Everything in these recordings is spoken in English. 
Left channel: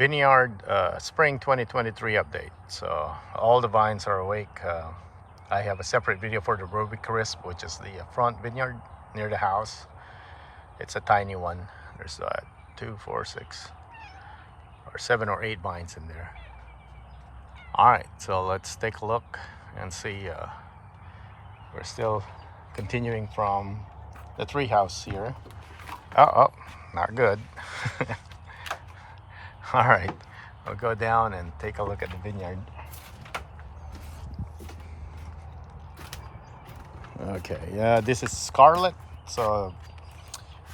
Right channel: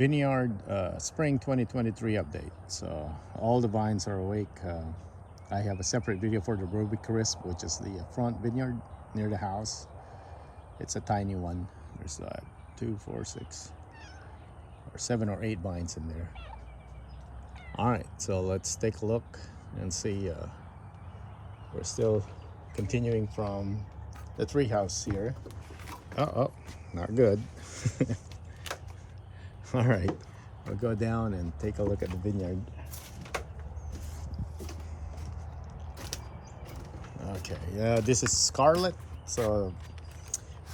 Vineyard Spring 2023 update. So all the vines are awake. I have a separate video for the Ruby Crisp, which is the front vineyard near the house. It's a tiny one. There's 2, 4, 6, or 7 or 8 vines in there. All right, so let's take a look and see. We're still continuing from the tree house here. Oh, not good. All right, we'll go down and take a look at the vineyard. Okay, yeah, this is Scarlet. So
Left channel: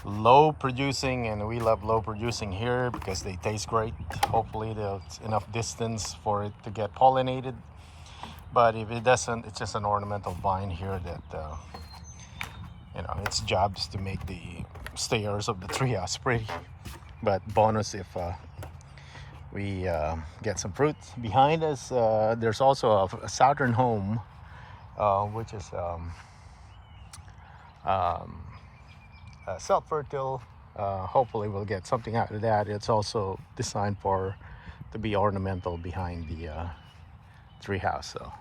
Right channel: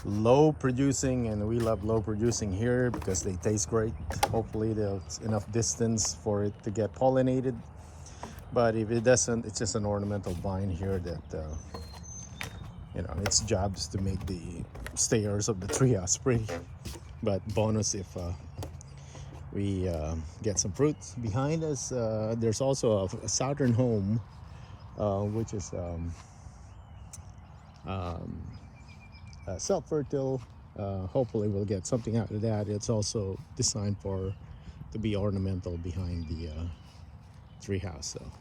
low producing, and we love low producing here because they taste great. Hopefully there's enough distance for it to get pollinated. But if it doesn't, it's just an ornamental vine here that its job is to make the stairs of the treehouse pretty. But bonus if we get some fruit. Behind us, there's also a southern home, which is self-fertile. Hopefully we'll get something out of that. It's also designed to be ornamental behind the treehouse. So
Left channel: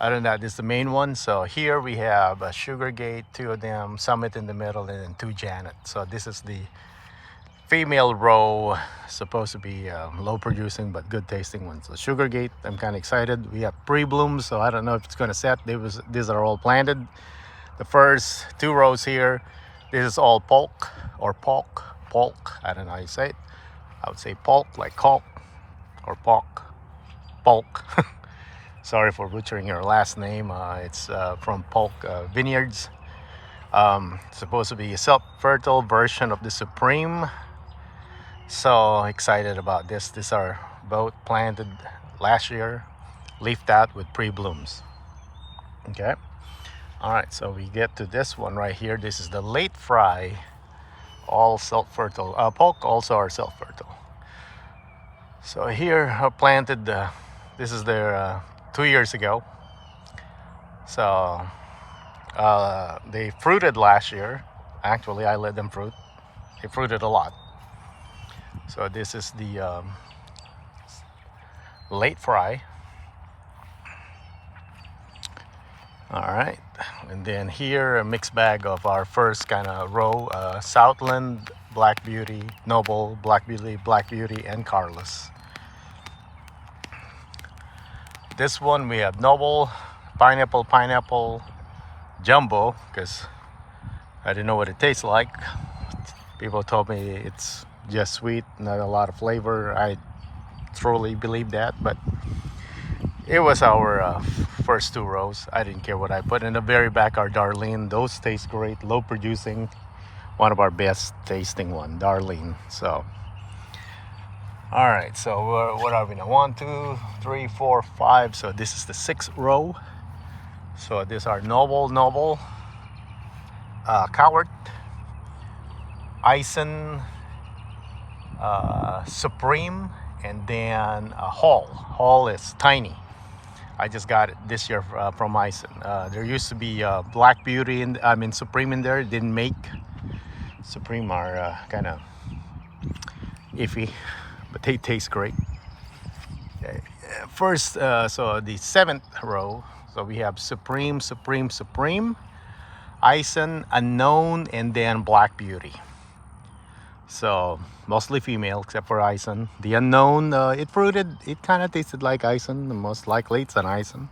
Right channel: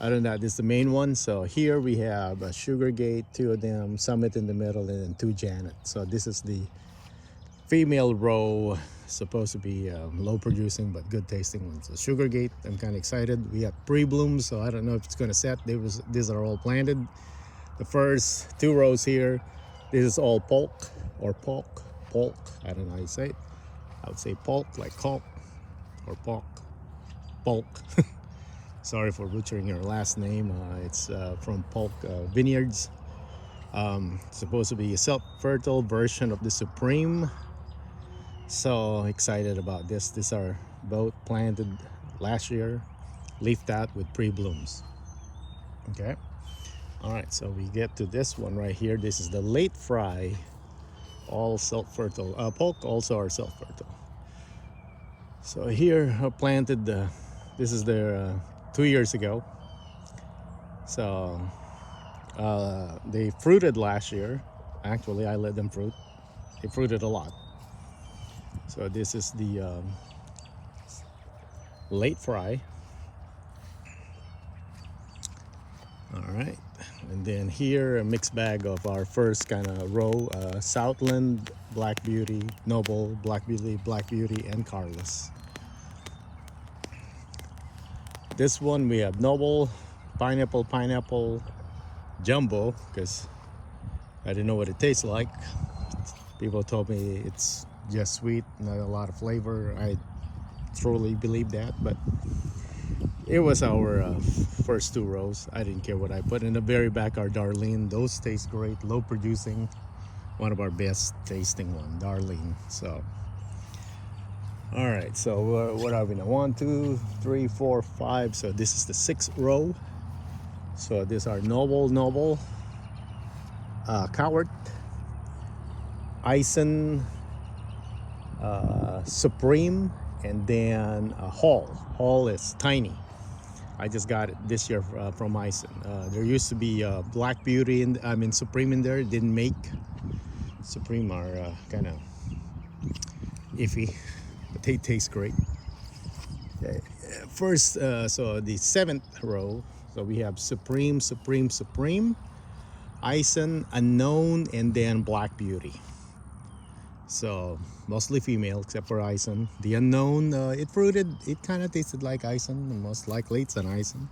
other than that, this is the main one. So here we have a Sugar Gate, 2 of them, Summit in the middle, and then 2 Janet. So this is the female row, supposed to be low producing but good tasting one. So Sugar Gate, I'm kind of excited. We have pre-blooms, so I don't know if it's going to set. These are all planted. The first 2 rows here, this is all polk or polk. I don't know how you say it. I would say polk, like caulk, or polk. Sorry for butchering your last name. It's from Polk Vineyards. Supposed to be a self-fertile version of the Supreme. So excited about this. These are both planted last year, leafed out with pre-blooms. Okay. All right, so we get to this one right here. This is the late fry, all self-fertile. Polk also are self-fertile. So here I planted, this is their 2 years ago. So they fruited last year. Actually, I let them fruit. They fruited a lot. So this is the late fry. All right, and then here a mixed bag of our first kind of row: Southland, Black Beauty, Noble, Black Beauty, and Carlos. This one we have Noble, Pineapple, Jumbo, because I didn't know what it tastes like. People told me it's just sweet, not a lot of flavor. I truly believe that, but it was our first 2 rows. I didn't care what I put. In the very back are Darlene. Those taste great, low producing. One of our best tasting one, Darlene. So, all right, so what are we now? 1, 2, 3, 4, 5. So this is the 6th row. So these are Noble, Coward, Eisen, Supreme, and then Hall. Hall is tiny. I just got it this year from Eisen. There used to be Black Beauty and Supreme in there. It didn't make. Supreme are kind of iffy, but they taste great. Okay. First, so the 7th row. So we have Supreme, Eisen, Unknown, and then Black Beauty. So mostly female except for Eisen. The Unknown, it fruited, it kind of tasted like Eisen. Most likely it's an Eisen.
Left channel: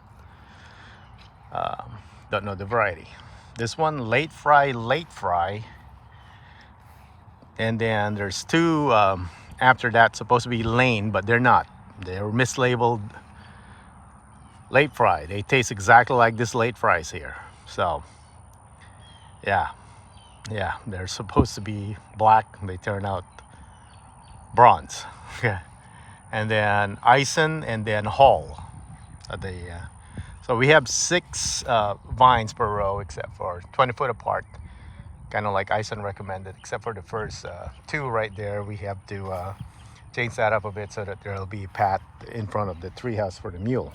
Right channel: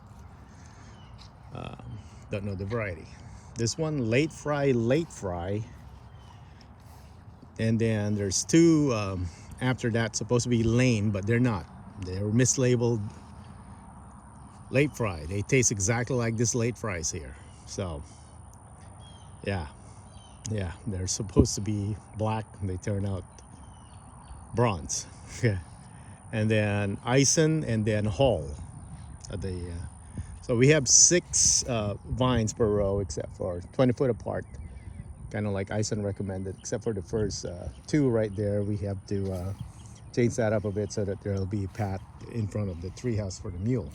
Don't know the variety. This one, late fry. And then there's 2 after that, supposed to be Lane, but they're not. They were mislabeled late fry. They taste exactly like this late fries here. So yeah, they're supposed to be black. They turn out bronze. And then Eisen, and then Hall. So we have 6 vines per row, except for 20 foot apart, kind of like Eisen recommended, except for the first 2 right there. We have to change that up a bit so that there'll be path in front of the treehouse for the mule.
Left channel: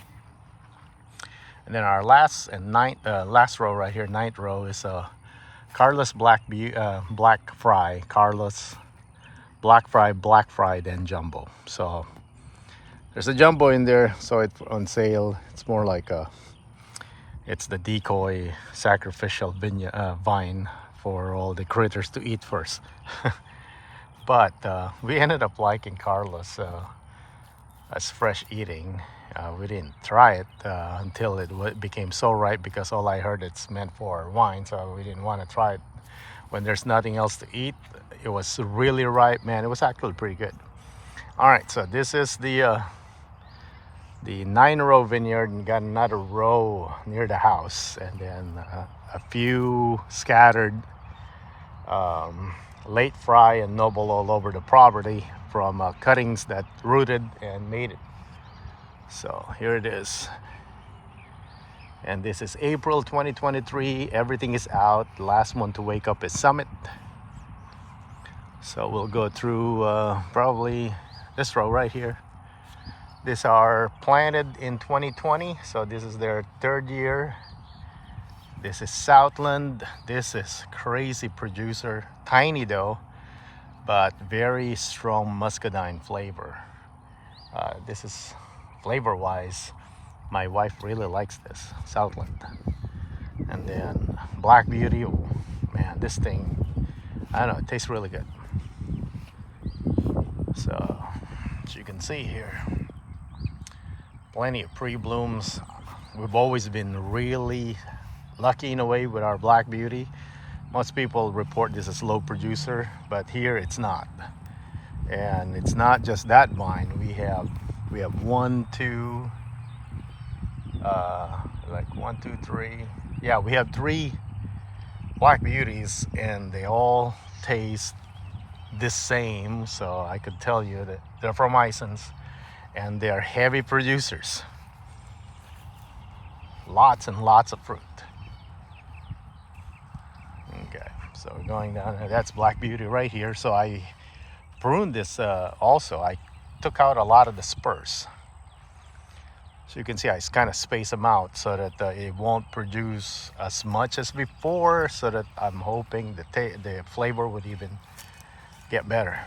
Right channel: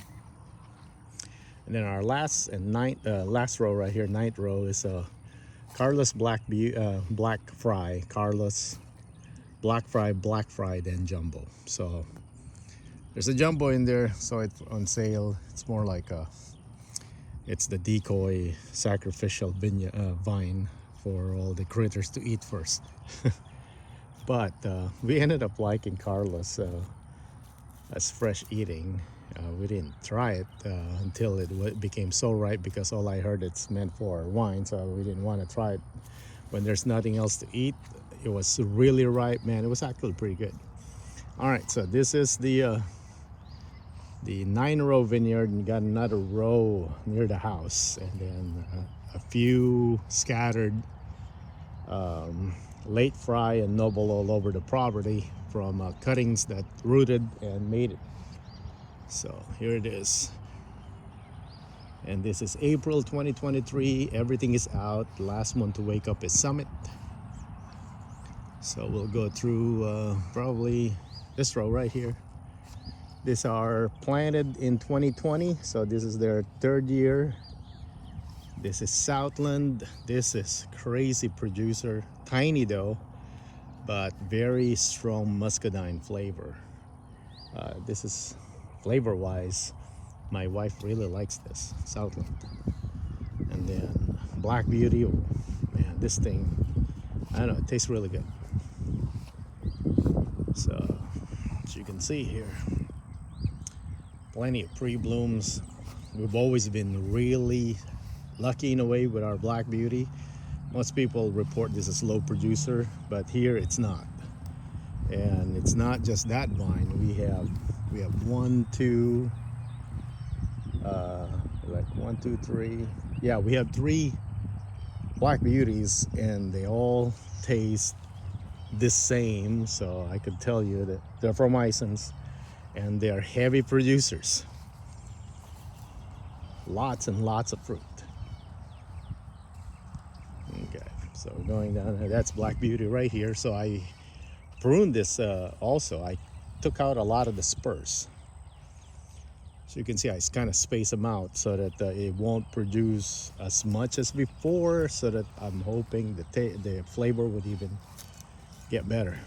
And then our last row right here, 9th row, is Carlos Black Fry, Carlos black fried, and jumbo. So there's a jumbo in there, so it's on sale. It's more like it's the decoy sacrificial vine for all the critters to eat first. But we ended up liking Carlos as fresh eating. We didn't try it until it became so ripe, because all I heard it's meant for wine, so we didn't want to try it when there's nothing else to eat. It was really ripe, man. It was actually pretty good. All right, so this is the 9-row vineyard, and got another row near the house, and then a few scattered late fry and noble all over the property from cuttings that rooted and made it. So here it is, and this is April 2023. Everything is out. The last one to wake up is Summit. So we'll go through probably this row right here. These are planted in 2020, so this is their 3rd year. This is Southland. This is crazy producer, tiny though, but very strong muscadine flavor. This is flavor-wise, my wife really likes this Southland. And then Black Beauty, oh, man, this thing, I don't know, it tastes really good. So as you can see here, plenty of pre-blooms. We've always been really lucky in a way with our Black Beauty. Most people report this as low producer, but here it's not. And it's not just that vine. We have 1, 2, like 1, 2, 3. Yeah, we have 3 Black Beauties, and they all taste the same. So I could tell you that they're from Isons, and they're heavy producers. Lots and lots of fruit. Okay, so going down here, that's Black Beauty right here. So I pruned this also. I took out a lot of the spurs. So you can see I kind of space them out so that it won't produce as much as before, so that I'm hoping the flavor would even get better.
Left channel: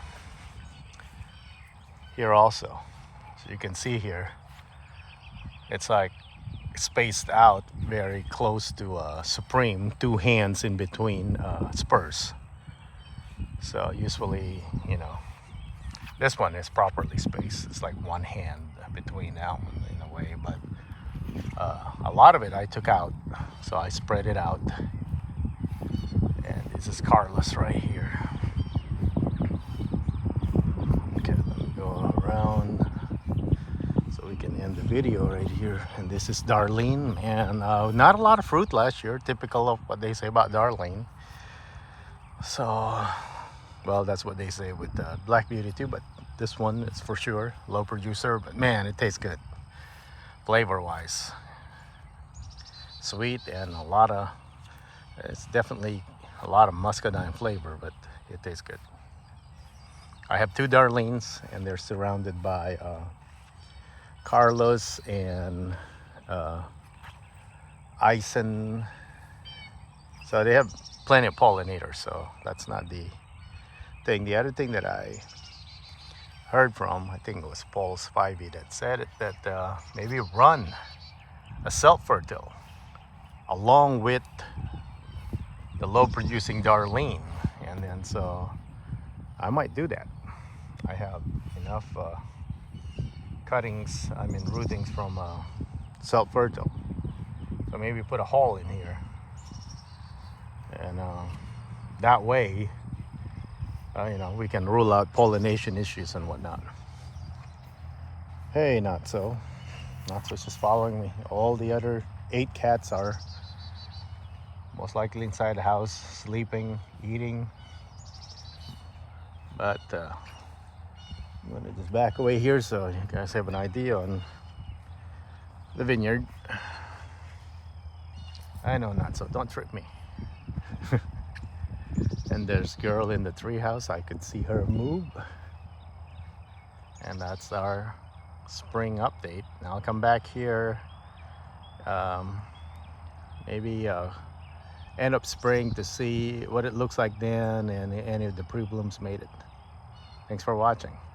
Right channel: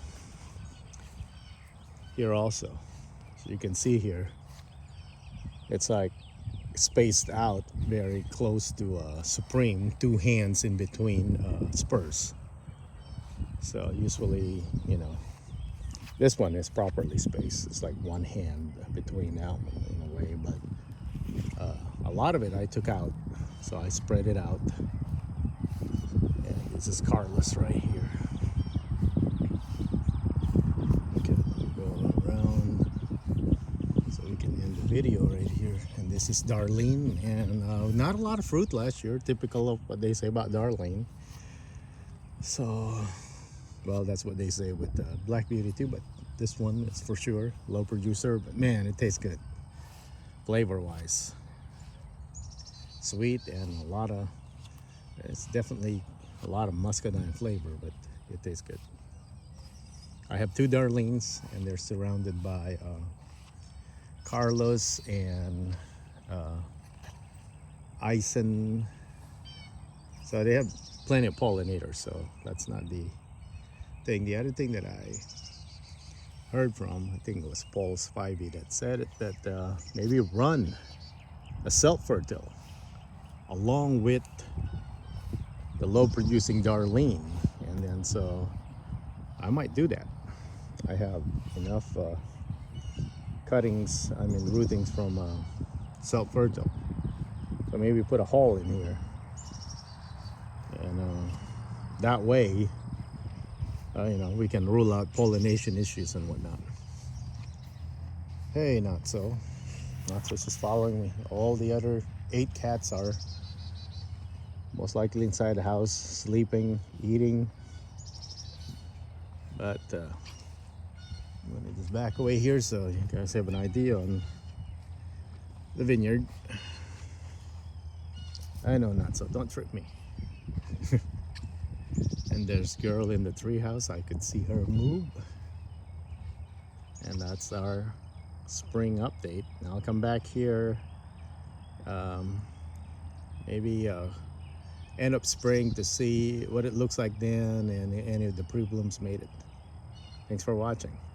Here also, so you can see here, it's like spaced out very close to Supreme, 2 hands in between spurs. So usually, you know, this one is properly spaced. It's like 1 hand between that one in a way, but a lot of it I took out, so I spread it out. And this is Carlos right here. Okay, go around so we can end the video right here. And this is Darlene, and not a lot of fruit last year, typical of what they say about Darlene. So, well, that's what they say with Black Beauty too, but this one is for sure low producer, but man, it tastes good flavor wise. Sweet, and it's definitely a lot of muscadine flavor, but it tastes good. I have 2 Darlenes, and they're surrounded by Carlos and Ison. So they have plenty of pollinators, so that's not the thing. The other thing that I heard from, I think it was Paul's 5e that said it, that maybe run a self-fertile along with the low producing Darlene, and then so I might do that. I have enough cuttings, I mean rootings from self-fertile, so maybe put a hole in here, and that way you know, we can rule out pollination issues and whatnot. Hey, Natso is just following me. All the other 8 cats are most likely inside the house, sleeping, eating. But I'm gonna just back away here so you guys have an idea on the vineyard. I know, Natso, don't trip me. And there's girl in the treehouse. I could see her move. And that's our spring update. Now I'll come back here maybe end of spring to see what it looks like then, and any of the pre-blooms made it. Thanks for watching.